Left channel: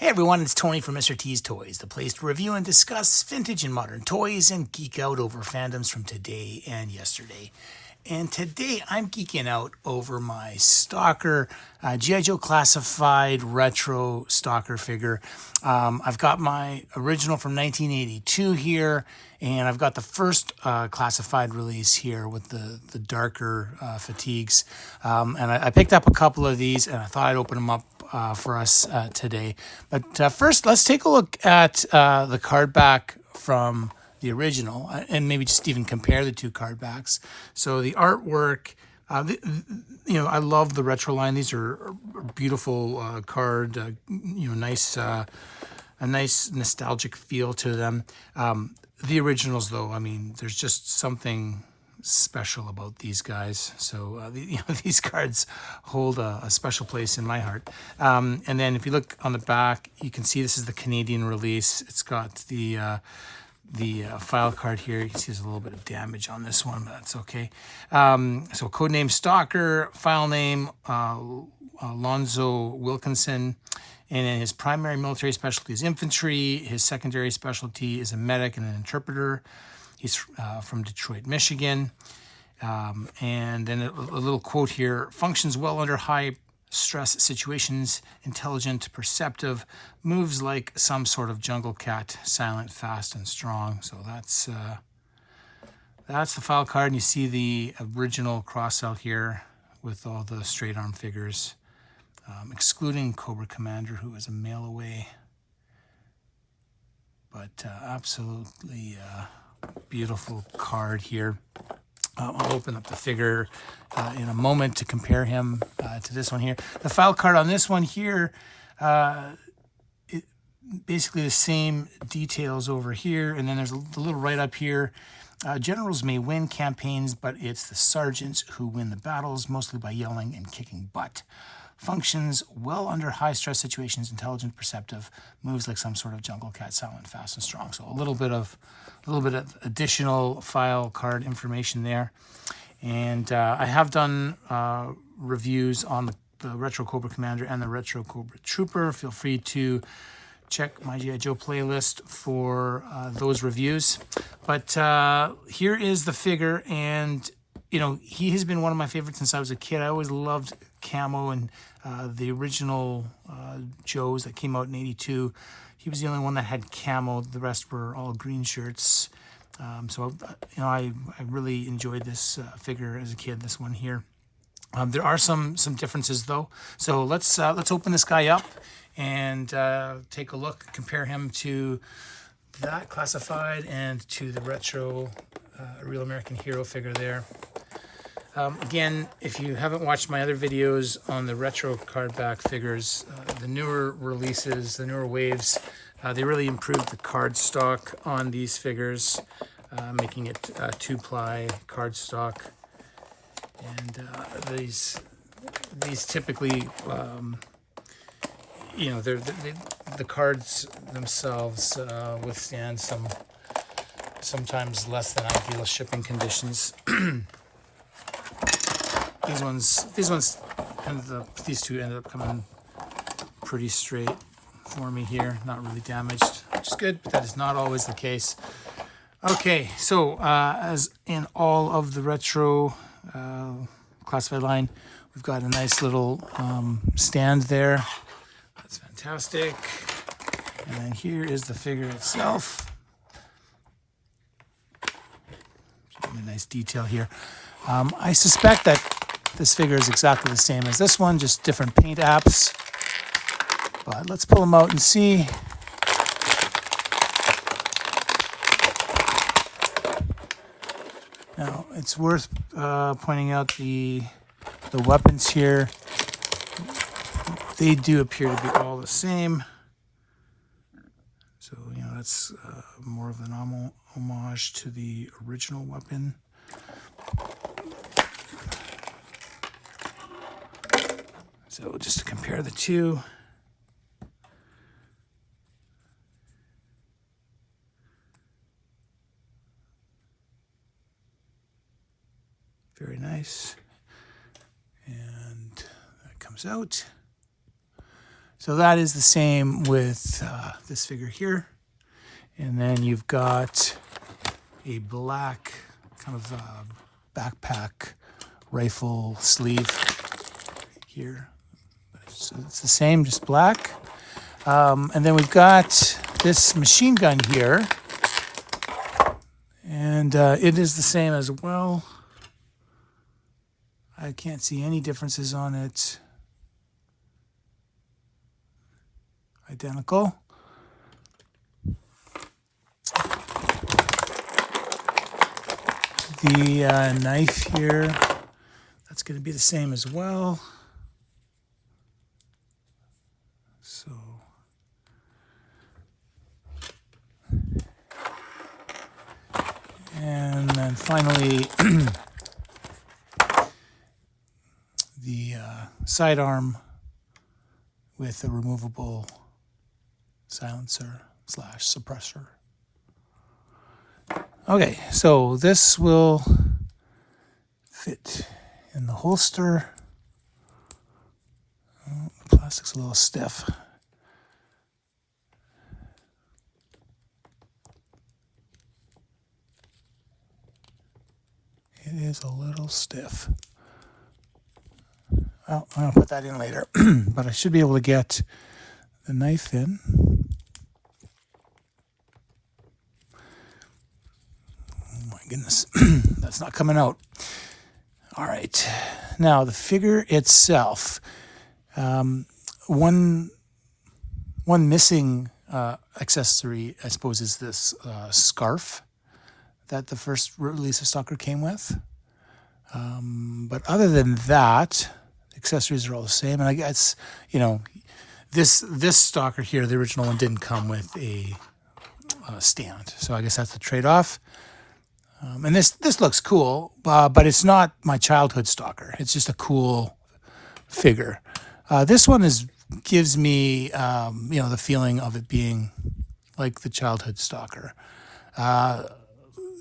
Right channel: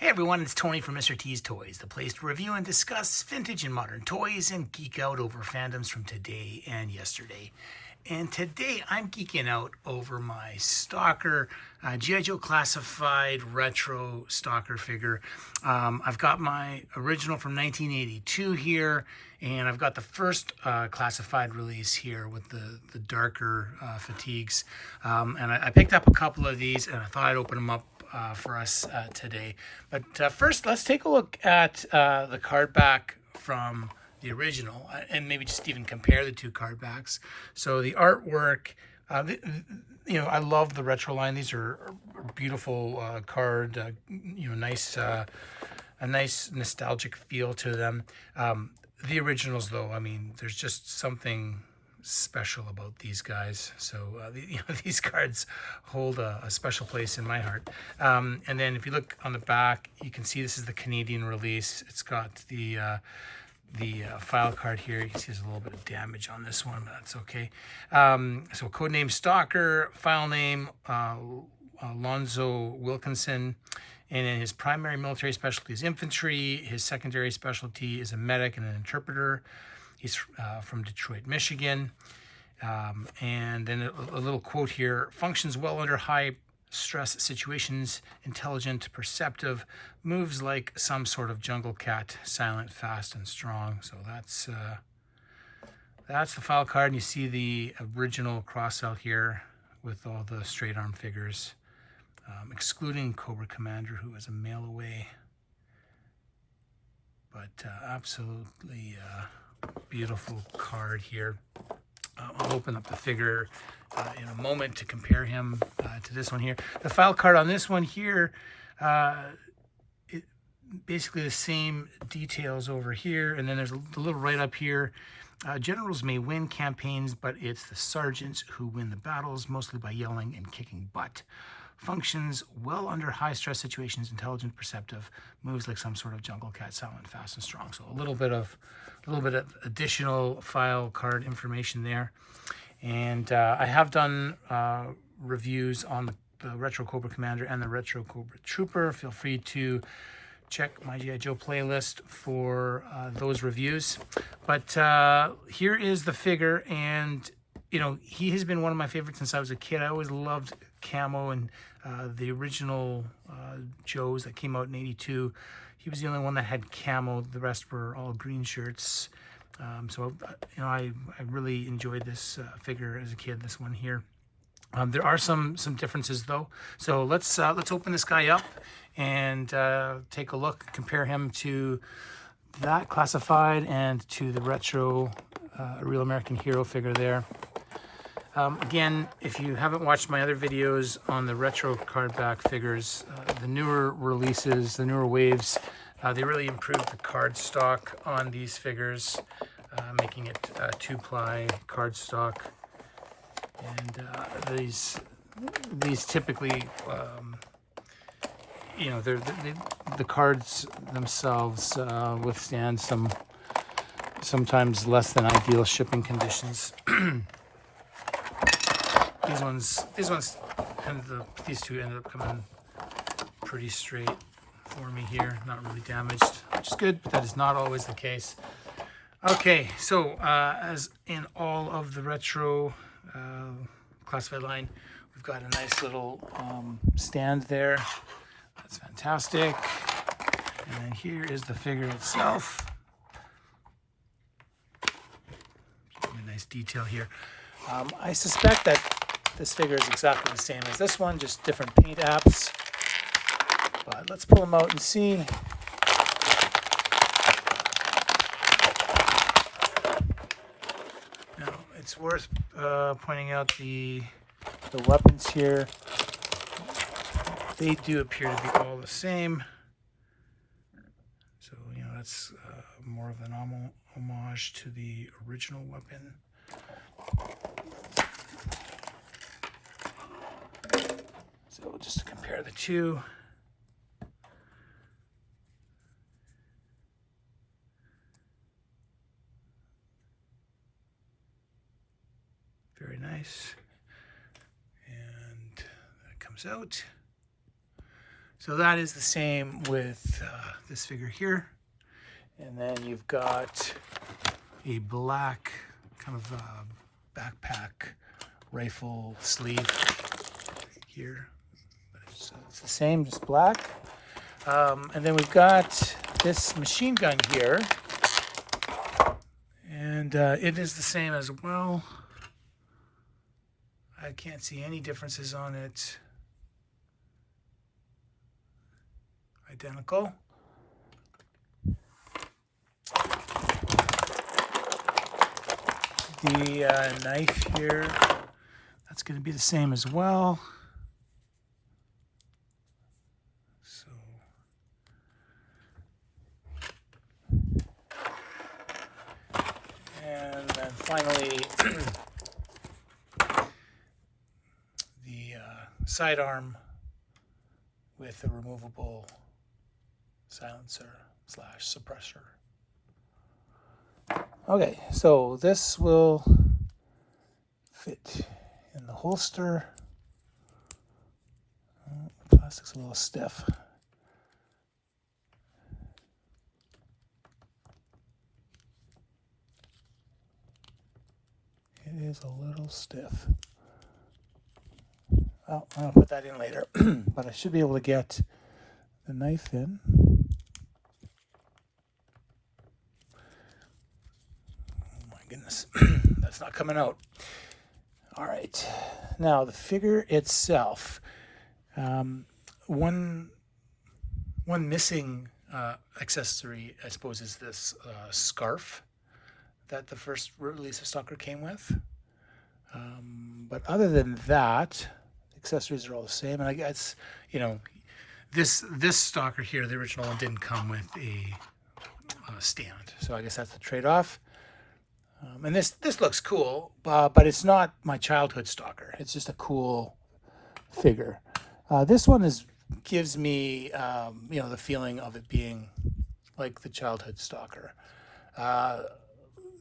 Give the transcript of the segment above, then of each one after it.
Hey everyone, it's Tony from Mr. T's Toys, the place to review and discuss vintage and modern toys and geek out over fandoms from today and yesterday. And today I'm geeking out over my Stalker, G.I. Joe Classified Retro Stalker figure. I've got my original from 1982 here, and I've got the first classified release here with the darker fatigues. And I picked up a couple of these, and I thought I'd open them up for us today. But first, let's take a look at the card back from the original, and maybe just even compare the two card backs. So the artwork, I love the retro line. These are beautiful card, nice, a nice nostalgic feel to them. The originals, though, I mean, there's just something special about these guys. So these cards hold a special place in my heart. And then if you look on the back, you can see this is the Canadian release. It's got the file card here. You can see there's a little bit of damage on this one, but that's okay. So codename Stalker, file name Alonzo Wilkinson. And then his primary military specialty is infantry. His secondary specialty is a medic and an interpreter. He's from Detroit, Michigan. And then a little quote here: functions well under high stress situations, intelligent, perceptive, moves like some sort of jungle cat, silent, fast, and strong. So that's the file card. And you see the original cross out here with all the straight arm figures, excluding Cobra Commander, who is a mail away. But absolutely beautiful card here. I'll open up the figure in a moment to compare him to this one here. The file card on this one here, basically the same details over here, and then there's a little right up here. Generals may win campaigns, but it's the sergeants who win the battles, mostly by yelling and kicking butt. Functions well under high stress situations, intelligent, perceptive, moves like some sort of jungle cat, silent, fast, and strong. So a little bit of additional file card information there. And I have done reviews on the Retro Cobra Commander and the Retro Cobra Trooper. Feel free to check my G.I. Joe playlist for those reviews. But here is the figure, and he has been one of my favorites since I was a kid. I always loved camo, and the original Joes that came out in '82, he was the only one that had camo. The rest were all green shirts. So I really enjoyed this figure as a kid. This one here. There are some differences though. So let's open this guy up and take a look, compare him to that classified and to the retro Real American Hero figure there. Again, if you haven't watched my other videos on the retro card back figures, the newer releases, the newer waves, they really improved the card stock on these figures, making it two-ply card stock. And these typically, the cards themselves withstand sometimes less than ideal shipping conditions. These two ended up coming pretty straight for me here, not really damaged, which is good, but that is not always the case. Okay, so as in all of the retro classified line, we've got a nice little stand there. That's fantastic. And then here is the figure itself. A nice detail here. I suspect that this figure is exactly the same as this one, just different paint apps. But let's pull them out and see. Now, it's worth pointing out the weapons here. They do appear to be all the same. So, that's more of an homage to the original weapon. So just to compare the two. Very nice. And that comes out. So that is the same with this figure here. And then you've got a black kind of backpack rifle sleeve here. So it's the same, just black. And then we've got this machine gun here. And it is the same as well. I can't see any differences on it. Identical. The knife here, that's going to be the same as well. So, and then finally, the sidearm with a removable silencer / suppressor. Okay, so this will fit in the holster. Oh, the plastic's a little stiff. It is a little stiff. Well, I'm going to put that in later, but I should be able to get the knife in. Goodness, that's not coming out. All right, now the figure itself. One missing accessory, I suppose, is this scarf that the first release of Stalker came with. But other than that, accessories are all the same. And I guess, you know, this Stalker here, the original one, didn't come with a stand. So I guess that's the trade-off. And this looks cool, but it's not my childhood Stalker. It's just a cool figure. This one gives me, you know, the feeling of it being like the childhood Stalker.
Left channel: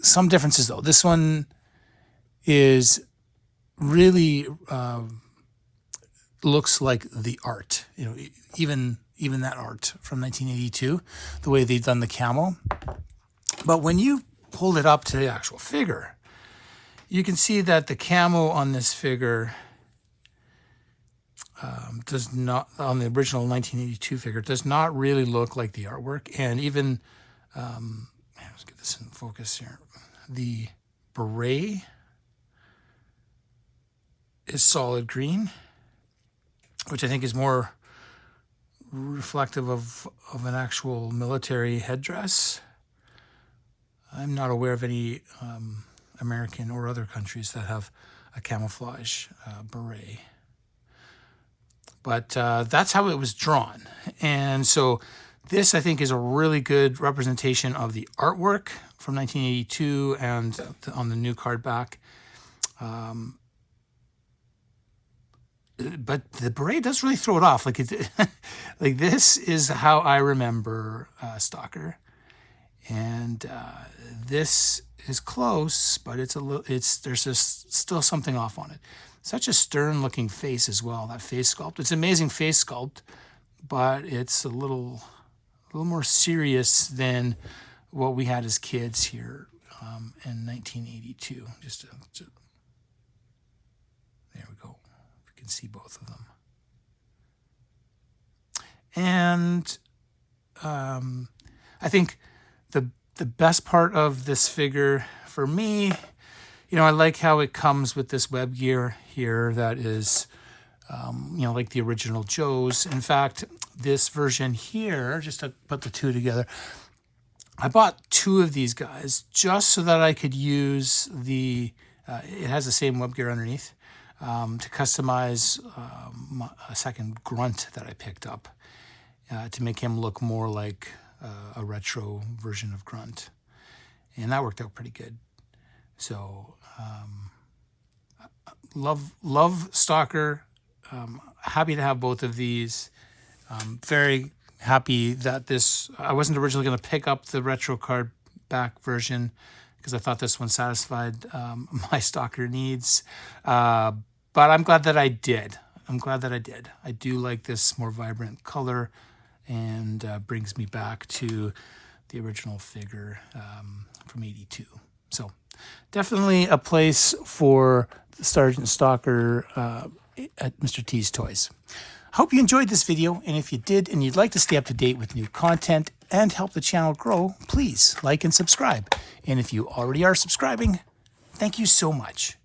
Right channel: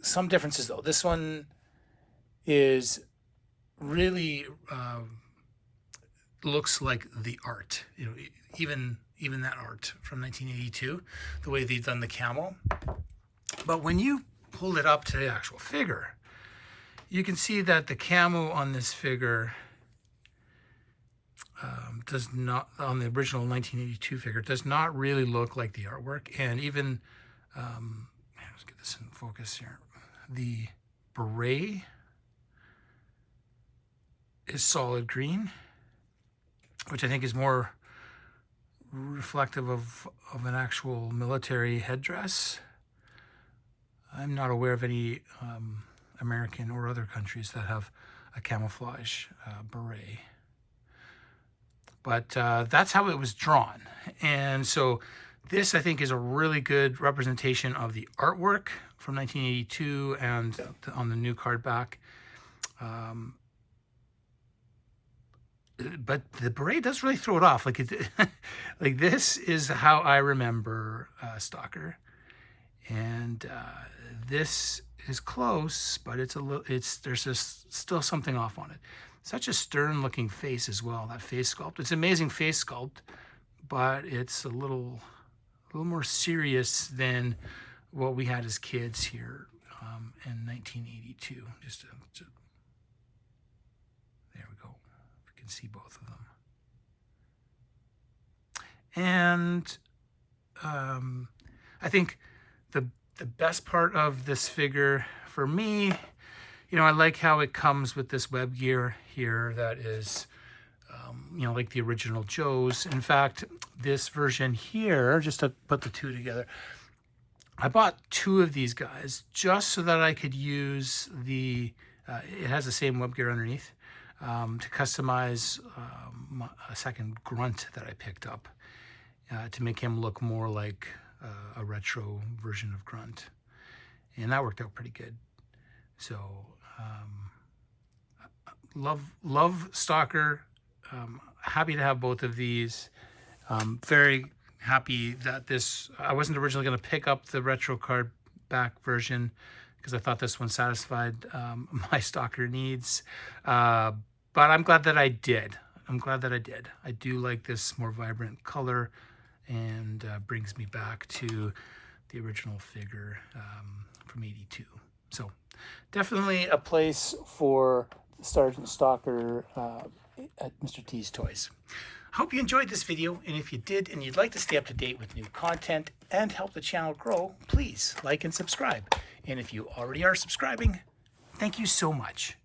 Some differences though. This one is really looks like the art. You know, even that art from 1982, the way they've done the camo. But when you pull it up to the actual figure, you can see that the camo on this figure does not, on the original 1982 figure, does not really look like the artwork. And even, let's get this in focus here. The beret is solid green, which I think is more reflective of an actual military headdress. I'm not aware of any American or other countries that have a camouflage beret. But that's how it was drawn. And so this, I think, is a really good representation of the artwork from 1982 and on the new card back. But the beret does really throw it off. Like like this is how I remember Stalker. And this is close, but there's just still something off on it. Such a stern-looking face as well. That face sculpt. It's amazing face sculpt, but it's a little more serious than what we had as kids here in 1982. There we go. You can see both of them. And I think the best part of this figure for me, you know, I like how it comes with this web gear here that is, you know, like the original Joe's. In fact, this version here, just to put the two together, I bought two of these guys just so that I could use it has the same web gear underneath, to customize a second grunt that I picked up to make him look more like a retro version of Grunt. And that worked out pretty good. So, love Stalker. Happy to have both of these. Very happy that I wasn't originally going to pick up the retro card back version because I thought this one satisfied my Stalker needs. But I'm glad that I did. I'm glad that I did. I do like this more vibrant color, and brings me back to the original figure from '82. So definitely a place for Sgt Stalker at Mr. T's Toys. Hope you enjoyed this video, and if you did and you'd like to stay up to date with new content and help the channel grow, please like and subscribe. And if you already are subscribing, thank you so much.